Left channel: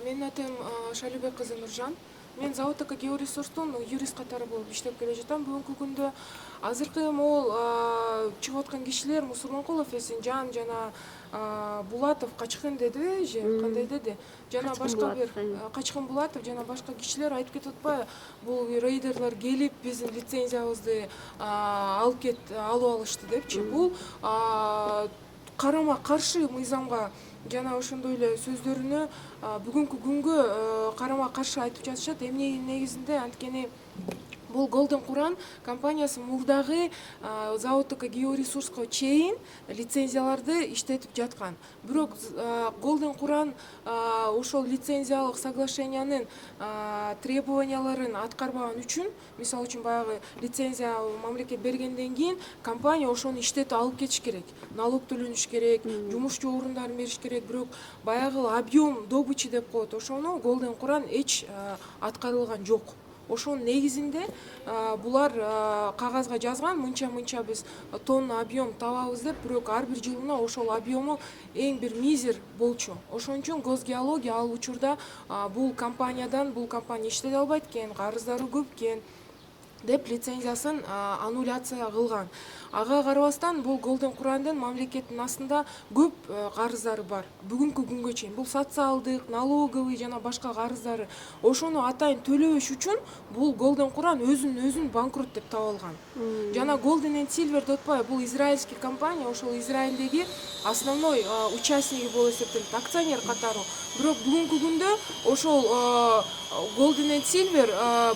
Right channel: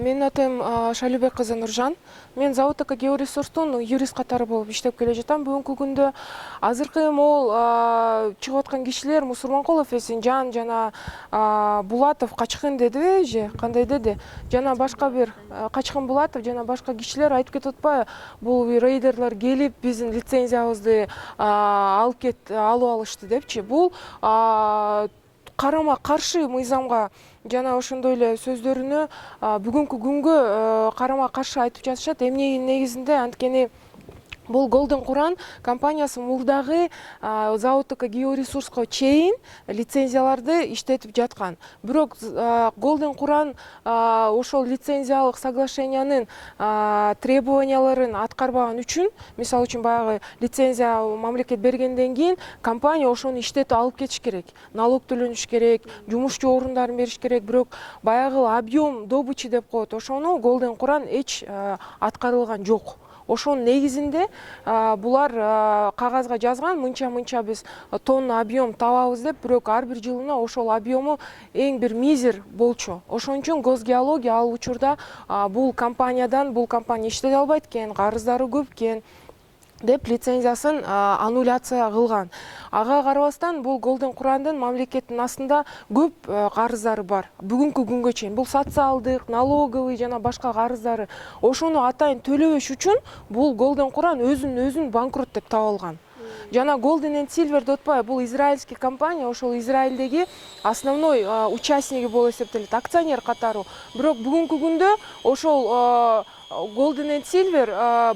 Менин атым Шалибек кызы Нуржан. Мен заводтық георесурстун юрист катары болуп иштеп келе жатам. Бүгүнкү күндө азыркы могул чыгып аткан кишилер Мусурманкулов, Эсенжан жана Булатов качкын деди же кандай деди. Жана башка бир Качкын Булатов жана башка кишилер айтып кетип атпайбы? Бул рейдерлер келип биздин лицензиябызды алып алышты депчи. Бул карама каршы мыйзамга жана ошондой эле сөздөрүнө бүгүнкү күнгө карама каршы айтып жатышат. Эмненин негизинде анткени бул Golden Quran компаниясы мурдагы заводтук георесурска чейин лицензияларды иштетип жаткан. Бирок Golden Quran ошол лицензиялык соглашениянын требованияларын аткарбаган үчүн, мисалы үчүн баягы лицензия мамлекет бергенден кийин компания ошону иштетип алып кетиш керек. Налог төлөнүш керек, жумушчу орундарын бериш керек. Бирок баягы объем добычи деп коет, ошону Golden Quran эч аткарылган жок. Ошонун негизинде булар кагазга жазган, мынча биз тонна объем табабыз деп, бирок ар бир жылына ошол объему эң бир мизер болчу. Ошон үчүн Госгеология ал учурда бул компания иштете албайт экен, карыздары көп экен деп лицензиясын аннуляция кылган. Ага карабастан бул Golden Quran'дын мамлекеттин астында көп карыздары бар. Бүгүнкү күнгө чейин бул социалдык, налоговый жана башка карыздары. Ошону атайын төлөбөш үчүн бул Golden Quran өзүн банкрот деп табылган. Жана Golden and Silver деп атпайбы? Бул израильский компания, ошол Израилдеги основной участниги болуп эсептелет, акционер катары. Бирок бүгүнкү күндө ошол Golden and Silver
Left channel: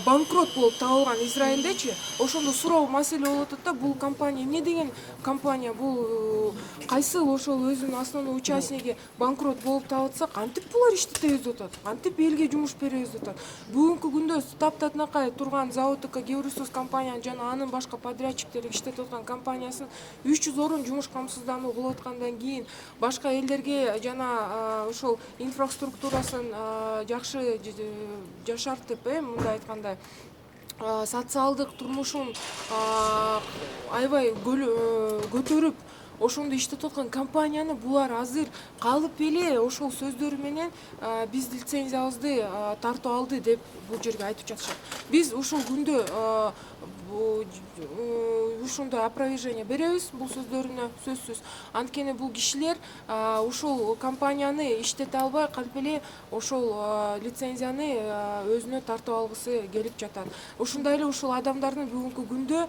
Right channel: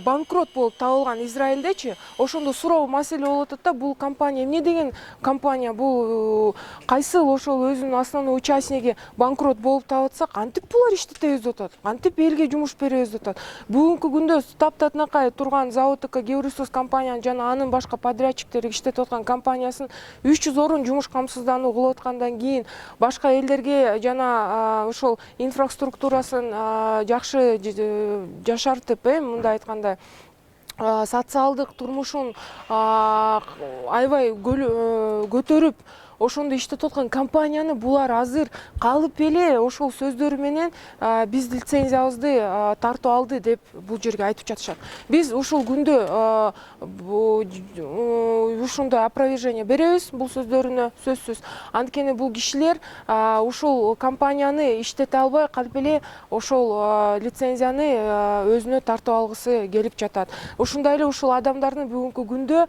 банкрот болуп табылган Израилдечи. Ошондо суроо маселе болуп атат да, бул компания эмне деген компания, бул кайсы ошол өзүнүн основной участниги банкрот болуп табылса, кантип булар иштетебиз деп атат, кантип элге жумуш беребиз деп атат. Бүгүнкү күндө таптатынакай турган заводтук георесурс компанияны жана анын башка подрядчиктери иштетип аткан компаниясын 300 орун жумуш камсыздануу кылып аткандан кийин башка элдерге жана ошол инфраструктурасын жакшы жашартып, мындай айтканда, социалдык турмушун аябай көтөрүп ошондо иштетип аткан компанияны булар азыр калып эле ошол сөздөрү менен биз лицензиябызды тартып алды деп бул жерге айтып жатышат. Биз ушул күндө ушундай опровержение беребиз бул сөздөрүнө, сөзсүз. Анткени бул кишилер ушул компанияны иштете албай калып эле ошол лицензияны өзүнө тартып алгысы келип жатат. Ушундай эле ушул адамдардын бүгүнкү күндө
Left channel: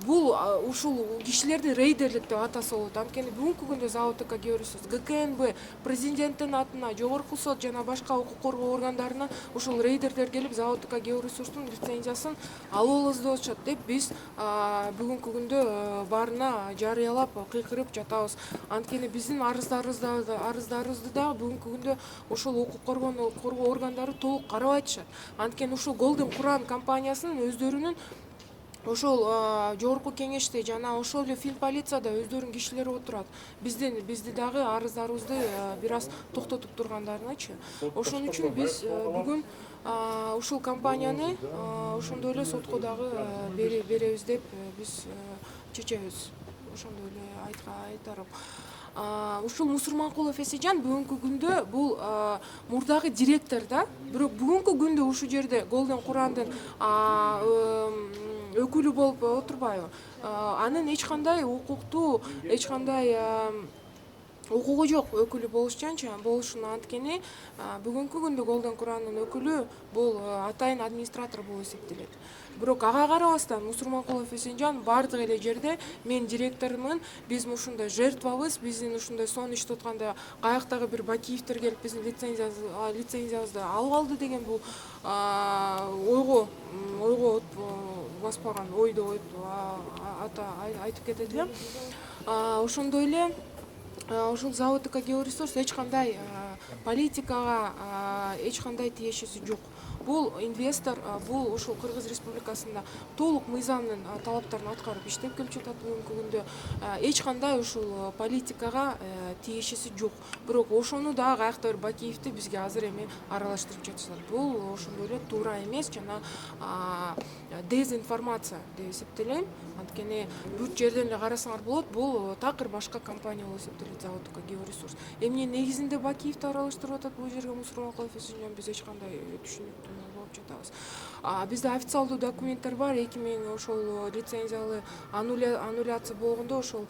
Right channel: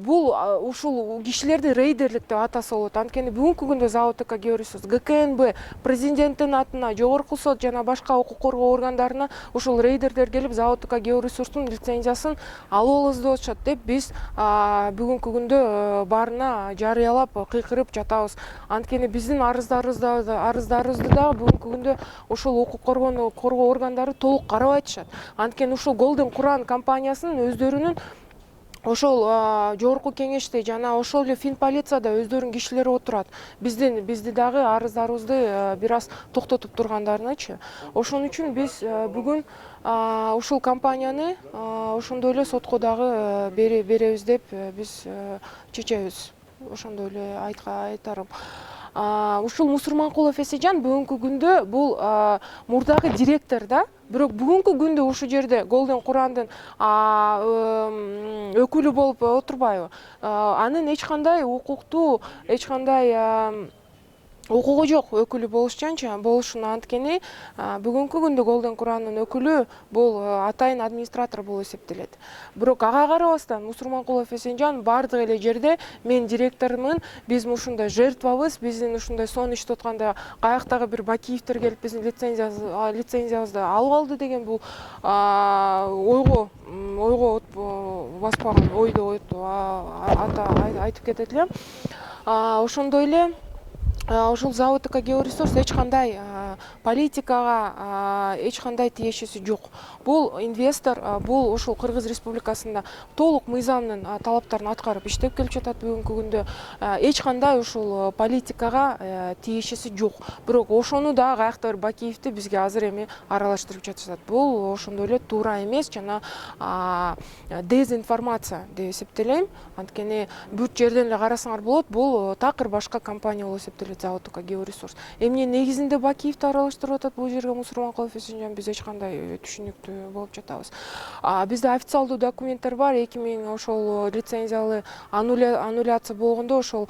бул ушул кишилерди рейдерлик деп атаса болот. Анткени бүгүнкү күндө заводтук георесурс ГКНБ президенттин атына, жогорку сот жана башка укук коргоо органдарына ушул рейдерлер келип заводтук георесурстун лицензиясын алып алабыз деп атышат деп биз бүгүнкү күндө баарына жарыялап кыйкырып жатабыз. Анткени биздин арыздарыбызды дагы бүгүнкү күндө ошол укук коргоо органдары толук карабай атышат. Анткени ушул Golden Quran компаниясынын өздөрүнүн ошол жогорку кеңеште жана ошол эле Финполицияда өздөрүнүн кишилери отурат. Бизди дагы арыздарыбызды бир аз токтотуп тургандарынычы. Ошон үчүн биз бүгүн ушул компанияны ошондой эле сотко дагы беребиз деп биз чечебиз. Ошондой эле айтарым. Ушул Мусурманкулов Эсенжан бүгүнкү күндө бул мурдагы директор да, бирок бүгүнкү күндө ушул жерде Golden Quran'дын өкүлү болуп отурбайбы? Анын эч кандай укуктуу, эч кандай укугу жок өкүлү болушун. Анткени бүгүнкү күндө Golden Quran'дын өкүлү бул атайын администратор болуп эсептелет. Бирок ага карабастан Мусурманкулов Эсенжан бардык эле жерде мен директормун, биз ушундай жертвабыз, биздин ушундай сонун иштеп атканда каяктагы бир Бакиевтер келип биздин лицензиябызды алып алды деген бул ойго баспаган ойду айтып кетет элем. Ошондой эле ушул заводтук георесурс эч кандай политикага эч кандай тиешеси жок. бул инвестор бул ошол Кыргыз Республикасында толук мыйзамдын талаптарын аткарып иштеп келип жатат бүгүнкү күндө. Эч кандай ушул политикага тиешеси жок. Бирок ошону да каяктыр Бакиевди бизге азыр эми аралаштырып жатышат. Бул ошондой эле туура эмес жана дезинформация деп эсептелейм. Анткени бүт жерден эле карасаңар болот, бул такыр башка компания болуп эсептелет, завод Георесурс. Эмне негизинде Бакиевди аралаштырып атат бул жерге Мусурманкулов Эсенжан, биз эч кандай түшүнүктүү болуп жатабыз. Бизде официалдуу документтер бар, 2000 ошол лицензиялы аннуляция болгондо ошол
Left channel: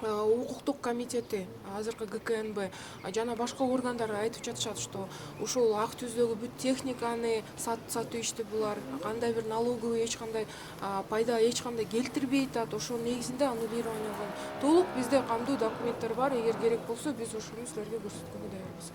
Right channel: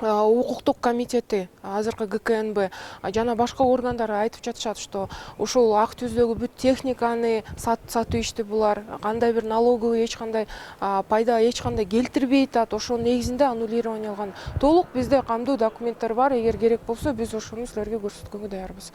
укуктук комитети, азыркы ГКНБ жана башка органдар айтып жатышат, что ошол ак түздөгү бүт техниканы сатып ишти булар, кандай бир налоговый эч кандай пайда эч кандай келтирбейт атат. Ошол негизинде аннулирование алган. Толук бизде камдуу документтер бар. Эгер керек болсо, биз ошону силерге көрсөткөнгө даярбыз.